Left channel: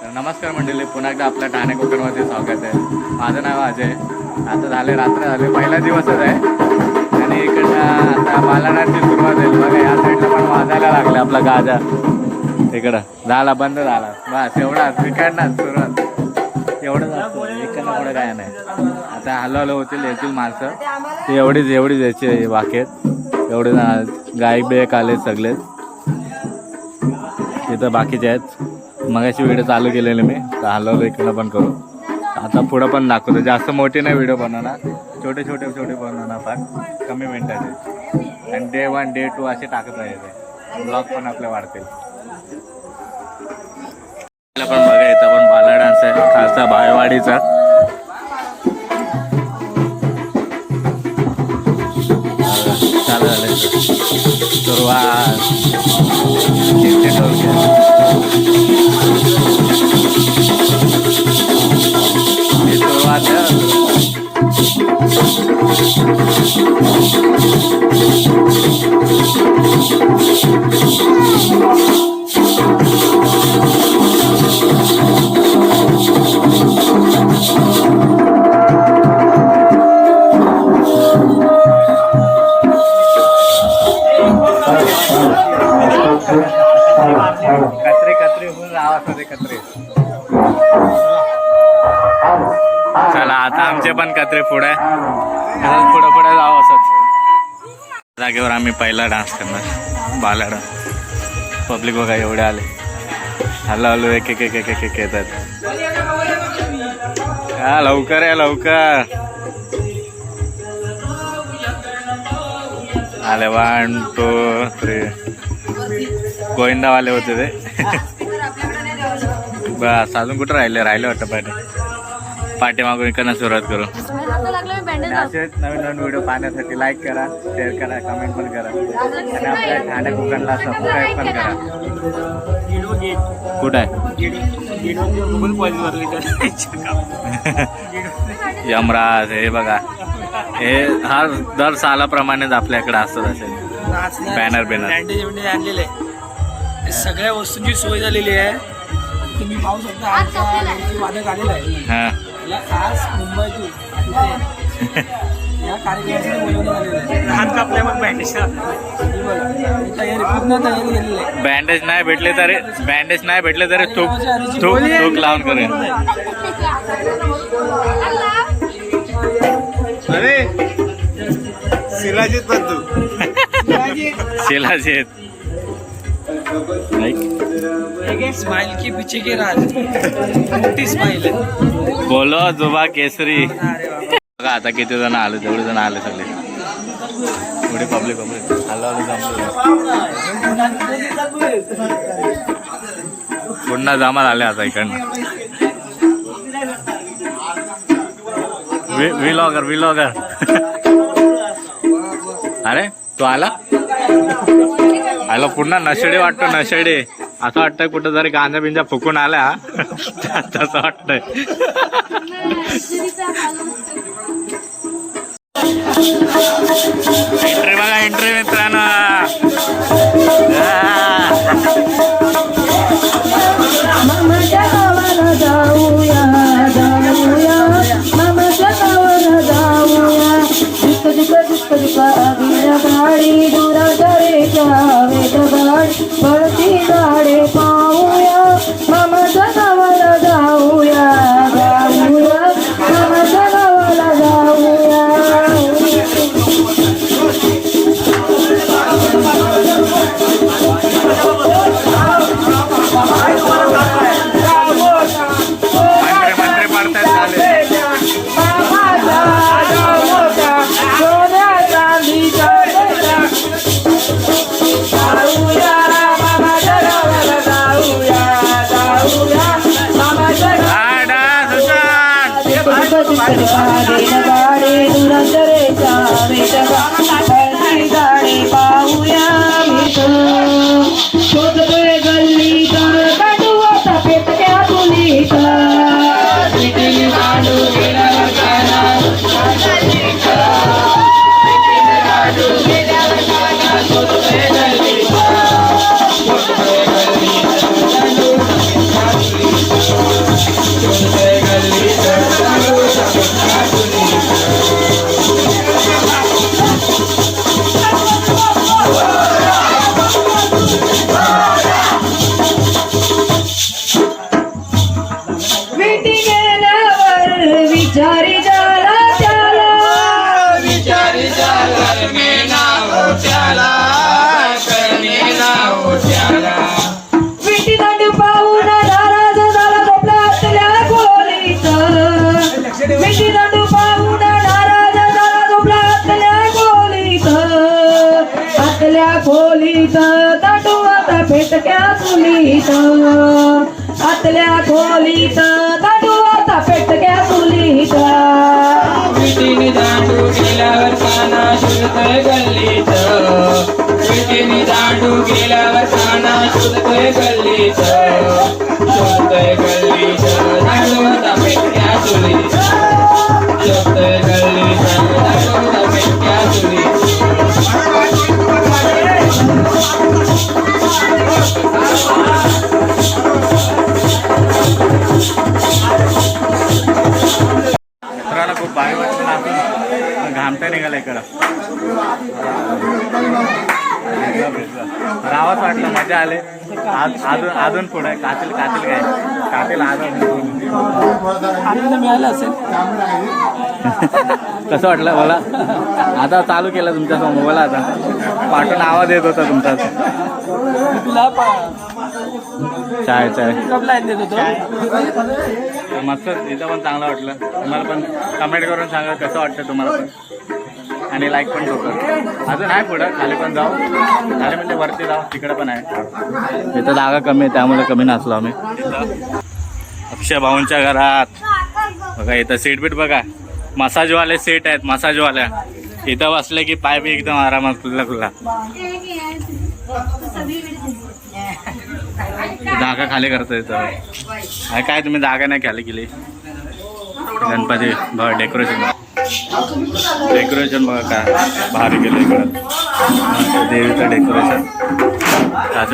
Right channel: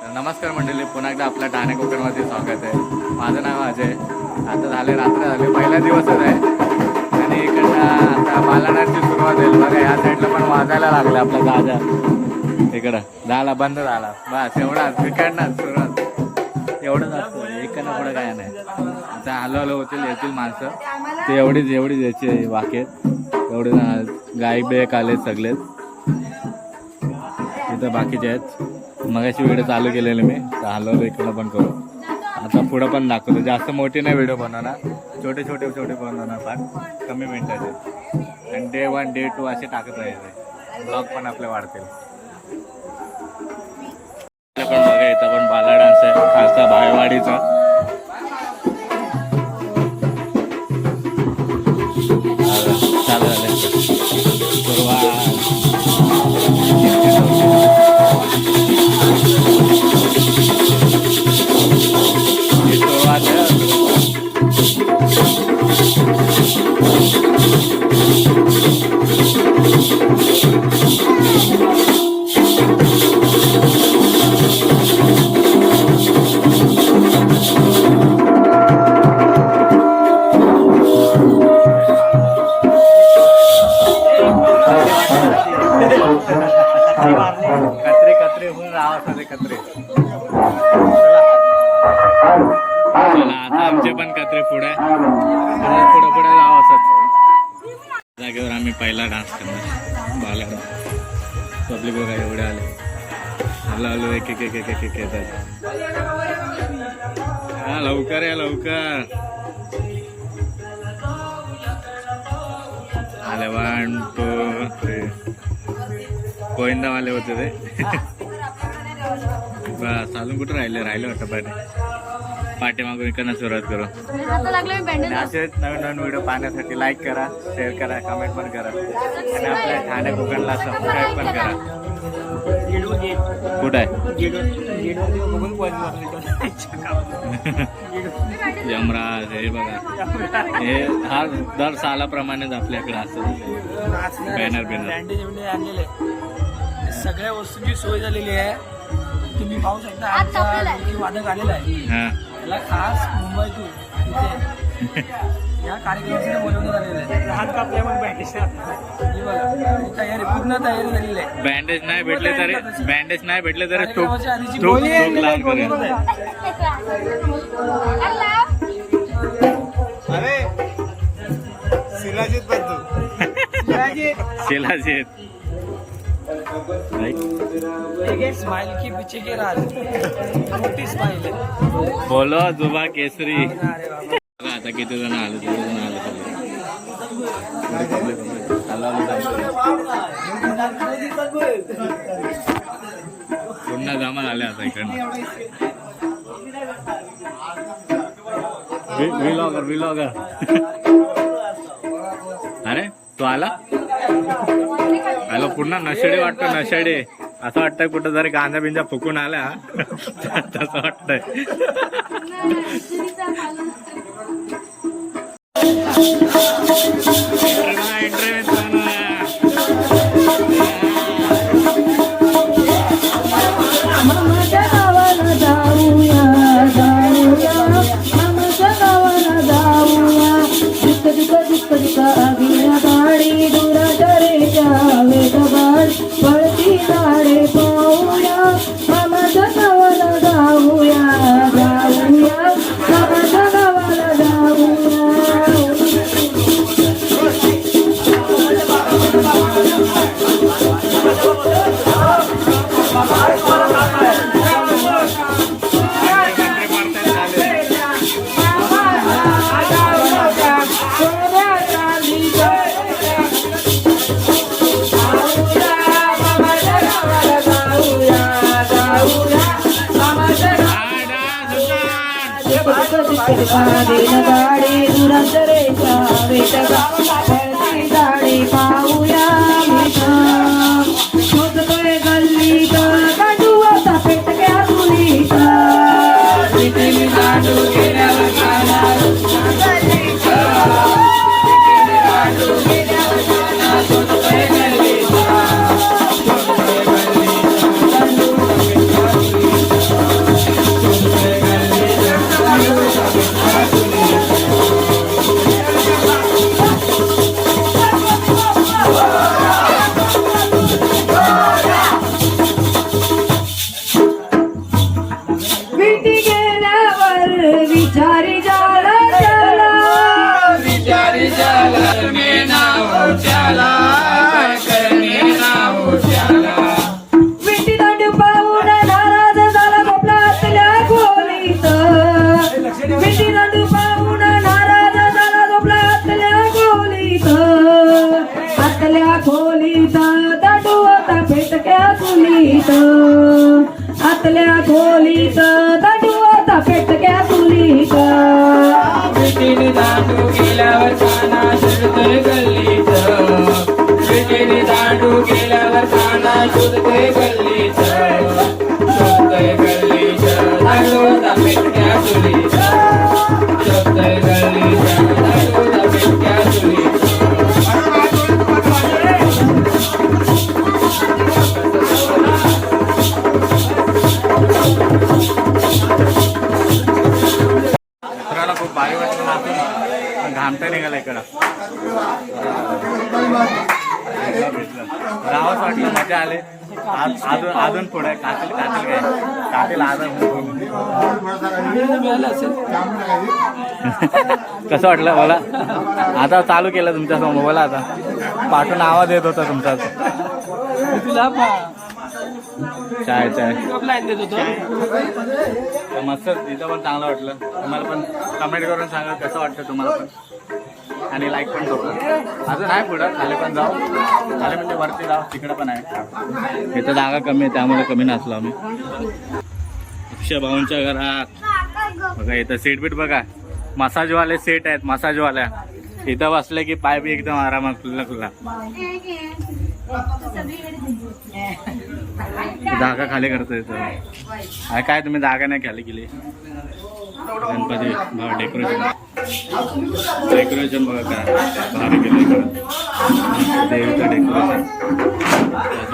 तर नमस्कार मंडळी पुन्हा एकदा आपल्या ठाणे कोकणमध्ये स्वागत आहे. माझं नाव अजय. आता झाले रात्र झाले पहिला दिवसच आहे. आणि इकडनं आता बालाडाची सुरुवात होईल. बघा या साईडला पण वाजायला लागले आपला गाजा. इकडं. झाला बंद झाला. बस एवढाच इकडनं सुरुवात. एवढंच असतं. इकडनं पुढं काय नाही. आता हळूहळू होतील येतील माणसं. ते एवढीच एवढीच याची वाकेत एवढे गायक बेक आले सगळेच. तिथं बाकीचे आहेत. मगाशी व्हिडिओ चालू केलेले मी. तर हलवलं इकडं पण करू. आता पुढं पण दाखवतो. जास्त मोठी नाही व्हिडिओ बनवणार. छोटे छोटे छोटे बनवणार पण. कमी मिनटाचे. आणि डे वन डे टू असे टाकत राहायचे. ब्लॉग पण आपले वाढतील. पण बघा इथं पण बाला डान्स आहे. खालचा भायवाडीचा चला आता आमचे पण कत्रे पुढे. पुढे पुढे जावं असत जागेवर आम्ही पहिला डान्स करणार. बाला डान्स पब्लिक बघा एवढे आले. हल्लो हल्लो एक एक एक एक एक एक येतात. हा लवकर या लवकर. आले वन टू थ्री गोविंदावाले होते ते. बस अजून कुठं राहिले? राहिले वाटतं पाहिजे पाठीमागून इकडनं सुरुवात करू. आणि असेच नवीन नवीन व्हिडिओ पाहण्यासाठी लाईक करा शेअर करा कमेंट पण करा. आणि आपल्या ठाणे कोकणला सबस्क्राईब पण करा. कुठं आहे? यमराज हे बघा. हे हा दर सालाप्रमाणेच आपल्याकडे असतात असे. बॅनर बिनर आणलेले आहे हे सगळ्या वस्तूंची सोय झालेली आहे. तुम्ही पाहू शकता आमचा वादक आलेला आहे. त्याला खास मुंबईतून इथे या कार्यक्रमासाठी बोलवण्यात आलेलं आहे. लहान कापले मग बँडेज तयारी पूर्ण तयारी झालेली आहे. बँडेज नाही भेटले तरी बँडेज नाही भेटले तरी थूक थूक थूक लावून करूया. शिलाजीत बंधू शिलाजीत. स्माइल के पीछे के राज. मोठी स्माइल आहे. बोलो जुबा केसरी. बघा आता किती जण आले जेवढे जण आले सगळे. एवढी पब्लिक. पुन्हा जमा झाले आता इकडनं. विलॉगर विलॉगर अरे तू आला? आला पुन्हा नशेडे वाटतो नशेडे. असं वाटतंय कुठं जरी गांजा बिंजा फुकून आला तसं वाटतंय. खोलीत तटवत पेटक्या चुलीत आतल्या खोलीचा खोलीत तटवत पेटक्या चुलीत विटीने दांडू गेल्यावर काना शोधतोय गल्लीत विटीने दांडू गेल्यावर काना शोधतोय गल्लीत आमटा निघाला इकडं. भेटला भेटला. रावच वाटलं मजा आले. आज अजून अजून पुढे कातील कातील काय? कातील अजून. आनंद मिळाला असेल कसं वाटलं बोला? आता चालू केलं तुमच्यासमोर बोला आता. पाठून आवाज येत होता तुमचा. तुला चाय चाय. तर मस्त इथं पण चांगलं वाटलं. तुम्हाला पण कमेंट करून सांगा कसं वाटतं तुम्हाला पण. आणि लाईक पण ठोकर अजून आहे पुढं खाली पण जाऊ. खाली म्हणजे वरती जाऊ तिकडं पण आहे. इथं जागा कमी आहे त्यामुळे कमी नाचलो आम्ही. अक्षय भाऊंच्या घरात. बघा इथं सीट बीट बघा. मसाजवाले सीट आहेत मसाजवाल्या. इथं बसले की पाय बी एकदम आरामात खुल्ला खुल्ला जागा खाली करतो इथं. काय तुम्ही जागा नाही खाली केली? गणपती बघा डेकोरेशन डेकोरेशन बघा काय भारी केलं इकडं. देवीचं डेकोरेशन त्या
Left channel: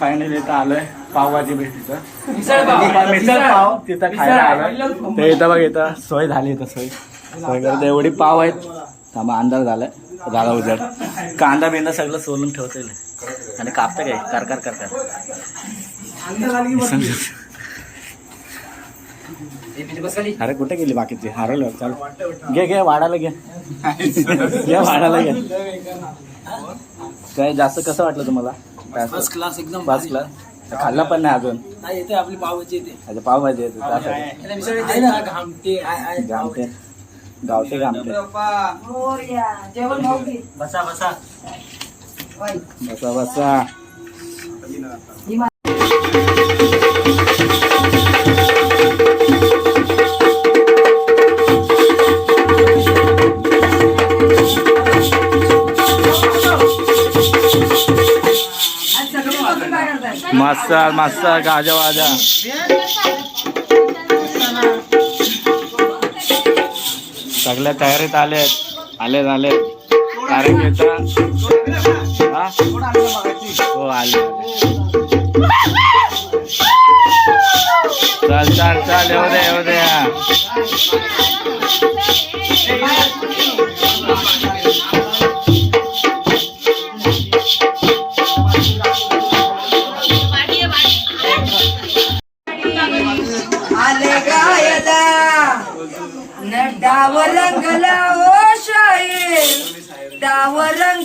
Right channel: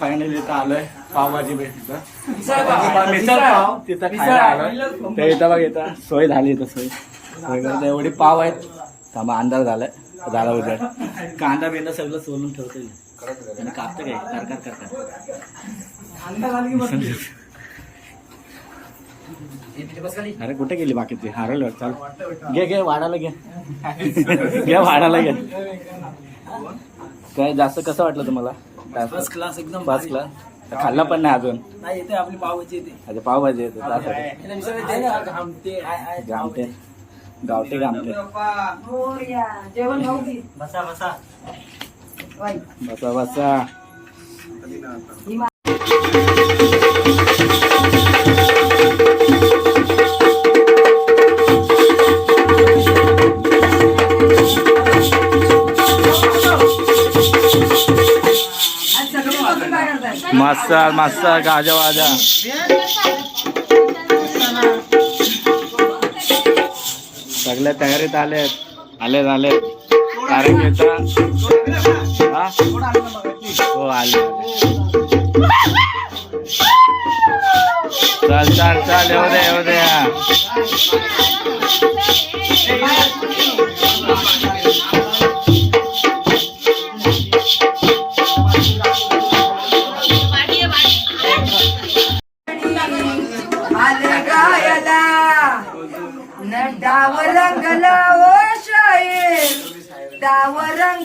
फायनली इथं आलोय पावभाजी भेटीचं. मिसळ पाव. तिथं खायला आलोय. ते इथं बघ इथं सोय झाली इथं सोय. सोय करते एवढी पाव आहेत. थांबा अंदाज झालाय. झाला उजड. कांदा बिंदा सगळं सोलून ठेवता येईल आणि कापतं काय? कर कर कर कर अरे कुठे गेली बाकीची? हरवलं चल. घे घे वाढायला घे. घे वाढायला घे. काय जास्त कसं वाटलं तुम्हाला? फर्स्ट क्लास एकदम पाच क्लास खाल्ला पण नाही अजून. नाही येते आपली पावची येते. अच्छा पावभाजी येते. त्यासाठी आहे ना घामते आहे- आहे जामते गावठी गामटे मोरया जेवण भाऊ घे बसा बसा. बाई बसा बसा. करताय मस्त मस्त गाजा वाजा. सगळ्या तयारीत हो, आले आले झाले कारण घेता हो? आले चल चल चल येऊ दे येऊ द्या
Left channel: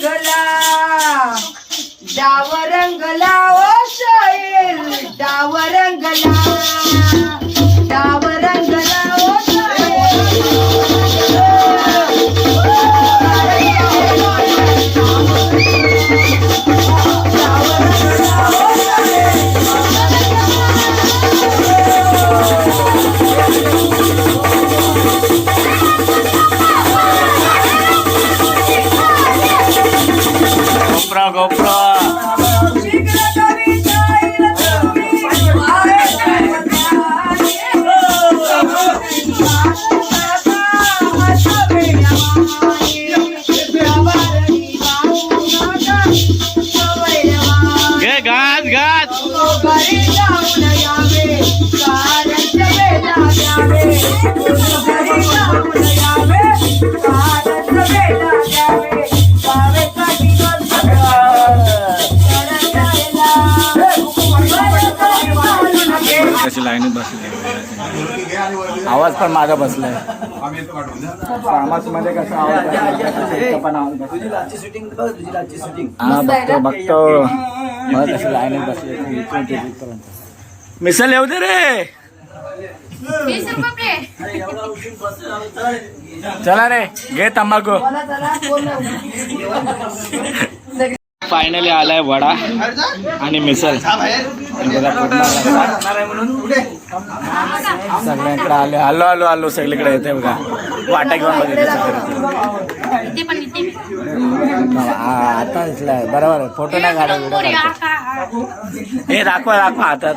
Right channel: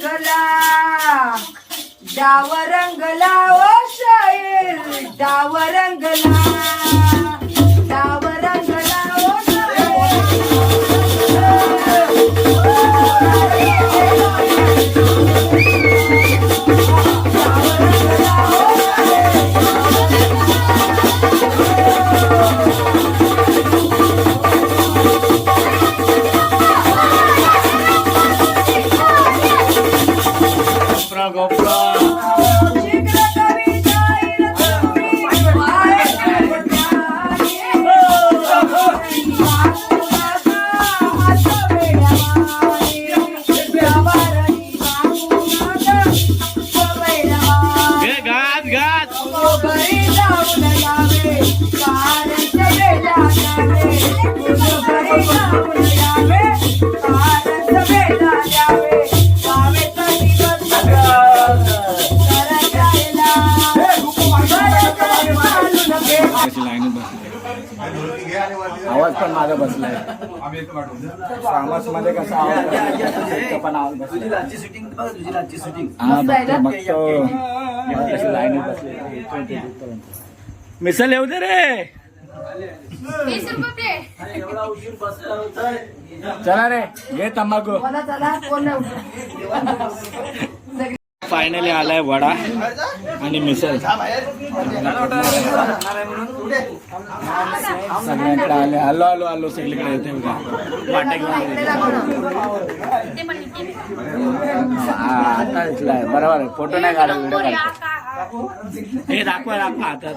रंगला. डाव रंगला ओ शाहीर डाव रंगला. लाईनीत बसली. आवाज पण माझा बसलाय. मध्ये कसा आवाज पण आवाज बसलाय. हा बघतो बघतो. लाईनीत बसली. मिसल येऊ दे रे. चला रे घे तंबाखू. फायनली आलाय वडा आणि रस्ता. सगळ्यांकडे आलो. आलो आलो आलो. सगळीकडे येते बघा. वाटा घेऊन बघितलं आता बरोबर. फोटो नाही काढा. हे दाखवा दाखवा हातात.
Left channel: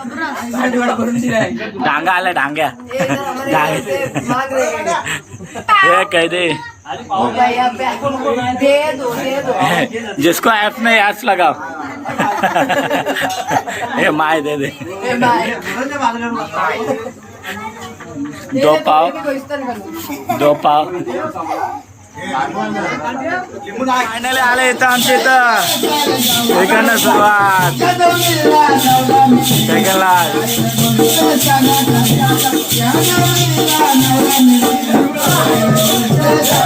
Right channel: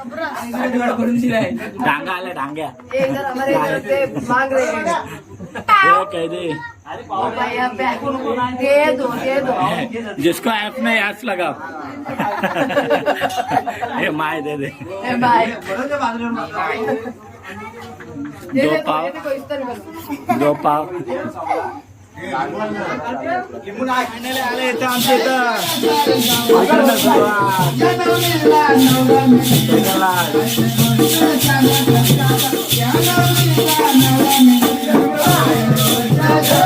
डांगा आला डांग्या. हे काय दे दे दो दे दो. जिसको ऐप नहीं ऐप्स लगाओ. हे माय दे दे. दो पाव. दो पाव. फायनली आले इथं आमच्या इथं. इकडनं सुरुवात.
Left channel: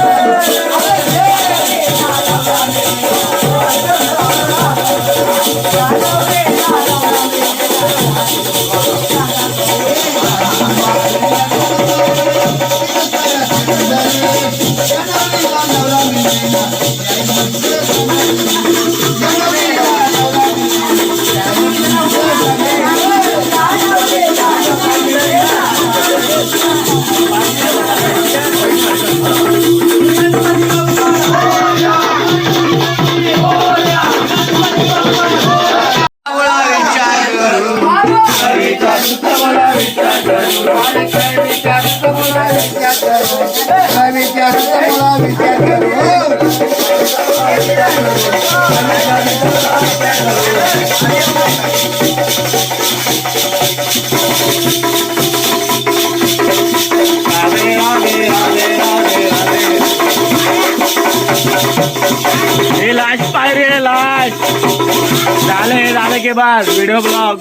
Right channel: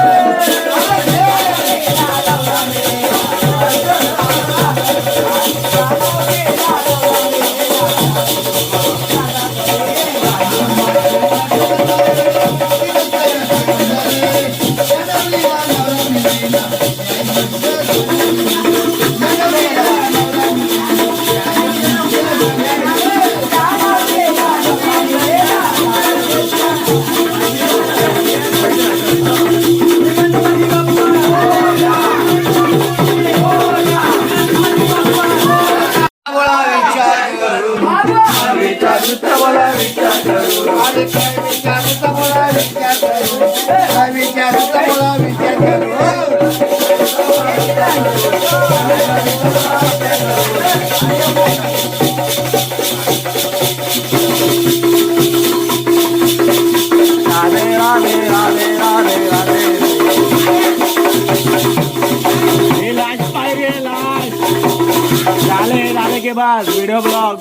राधे राधे राधे हे लाश पाय रे लाश झाले झाले के बाद वीडियो ब्लॉग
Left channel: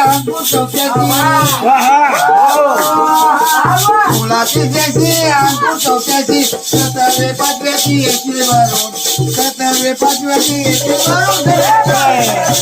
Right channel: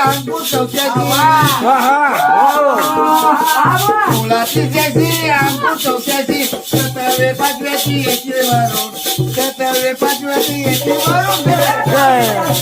अंकुर चौथ्याची मुलाची जशी अंकुर चौथ्याची सतरावे पाचव्याची येते वरून सतरावे पाचव्याची येते वरून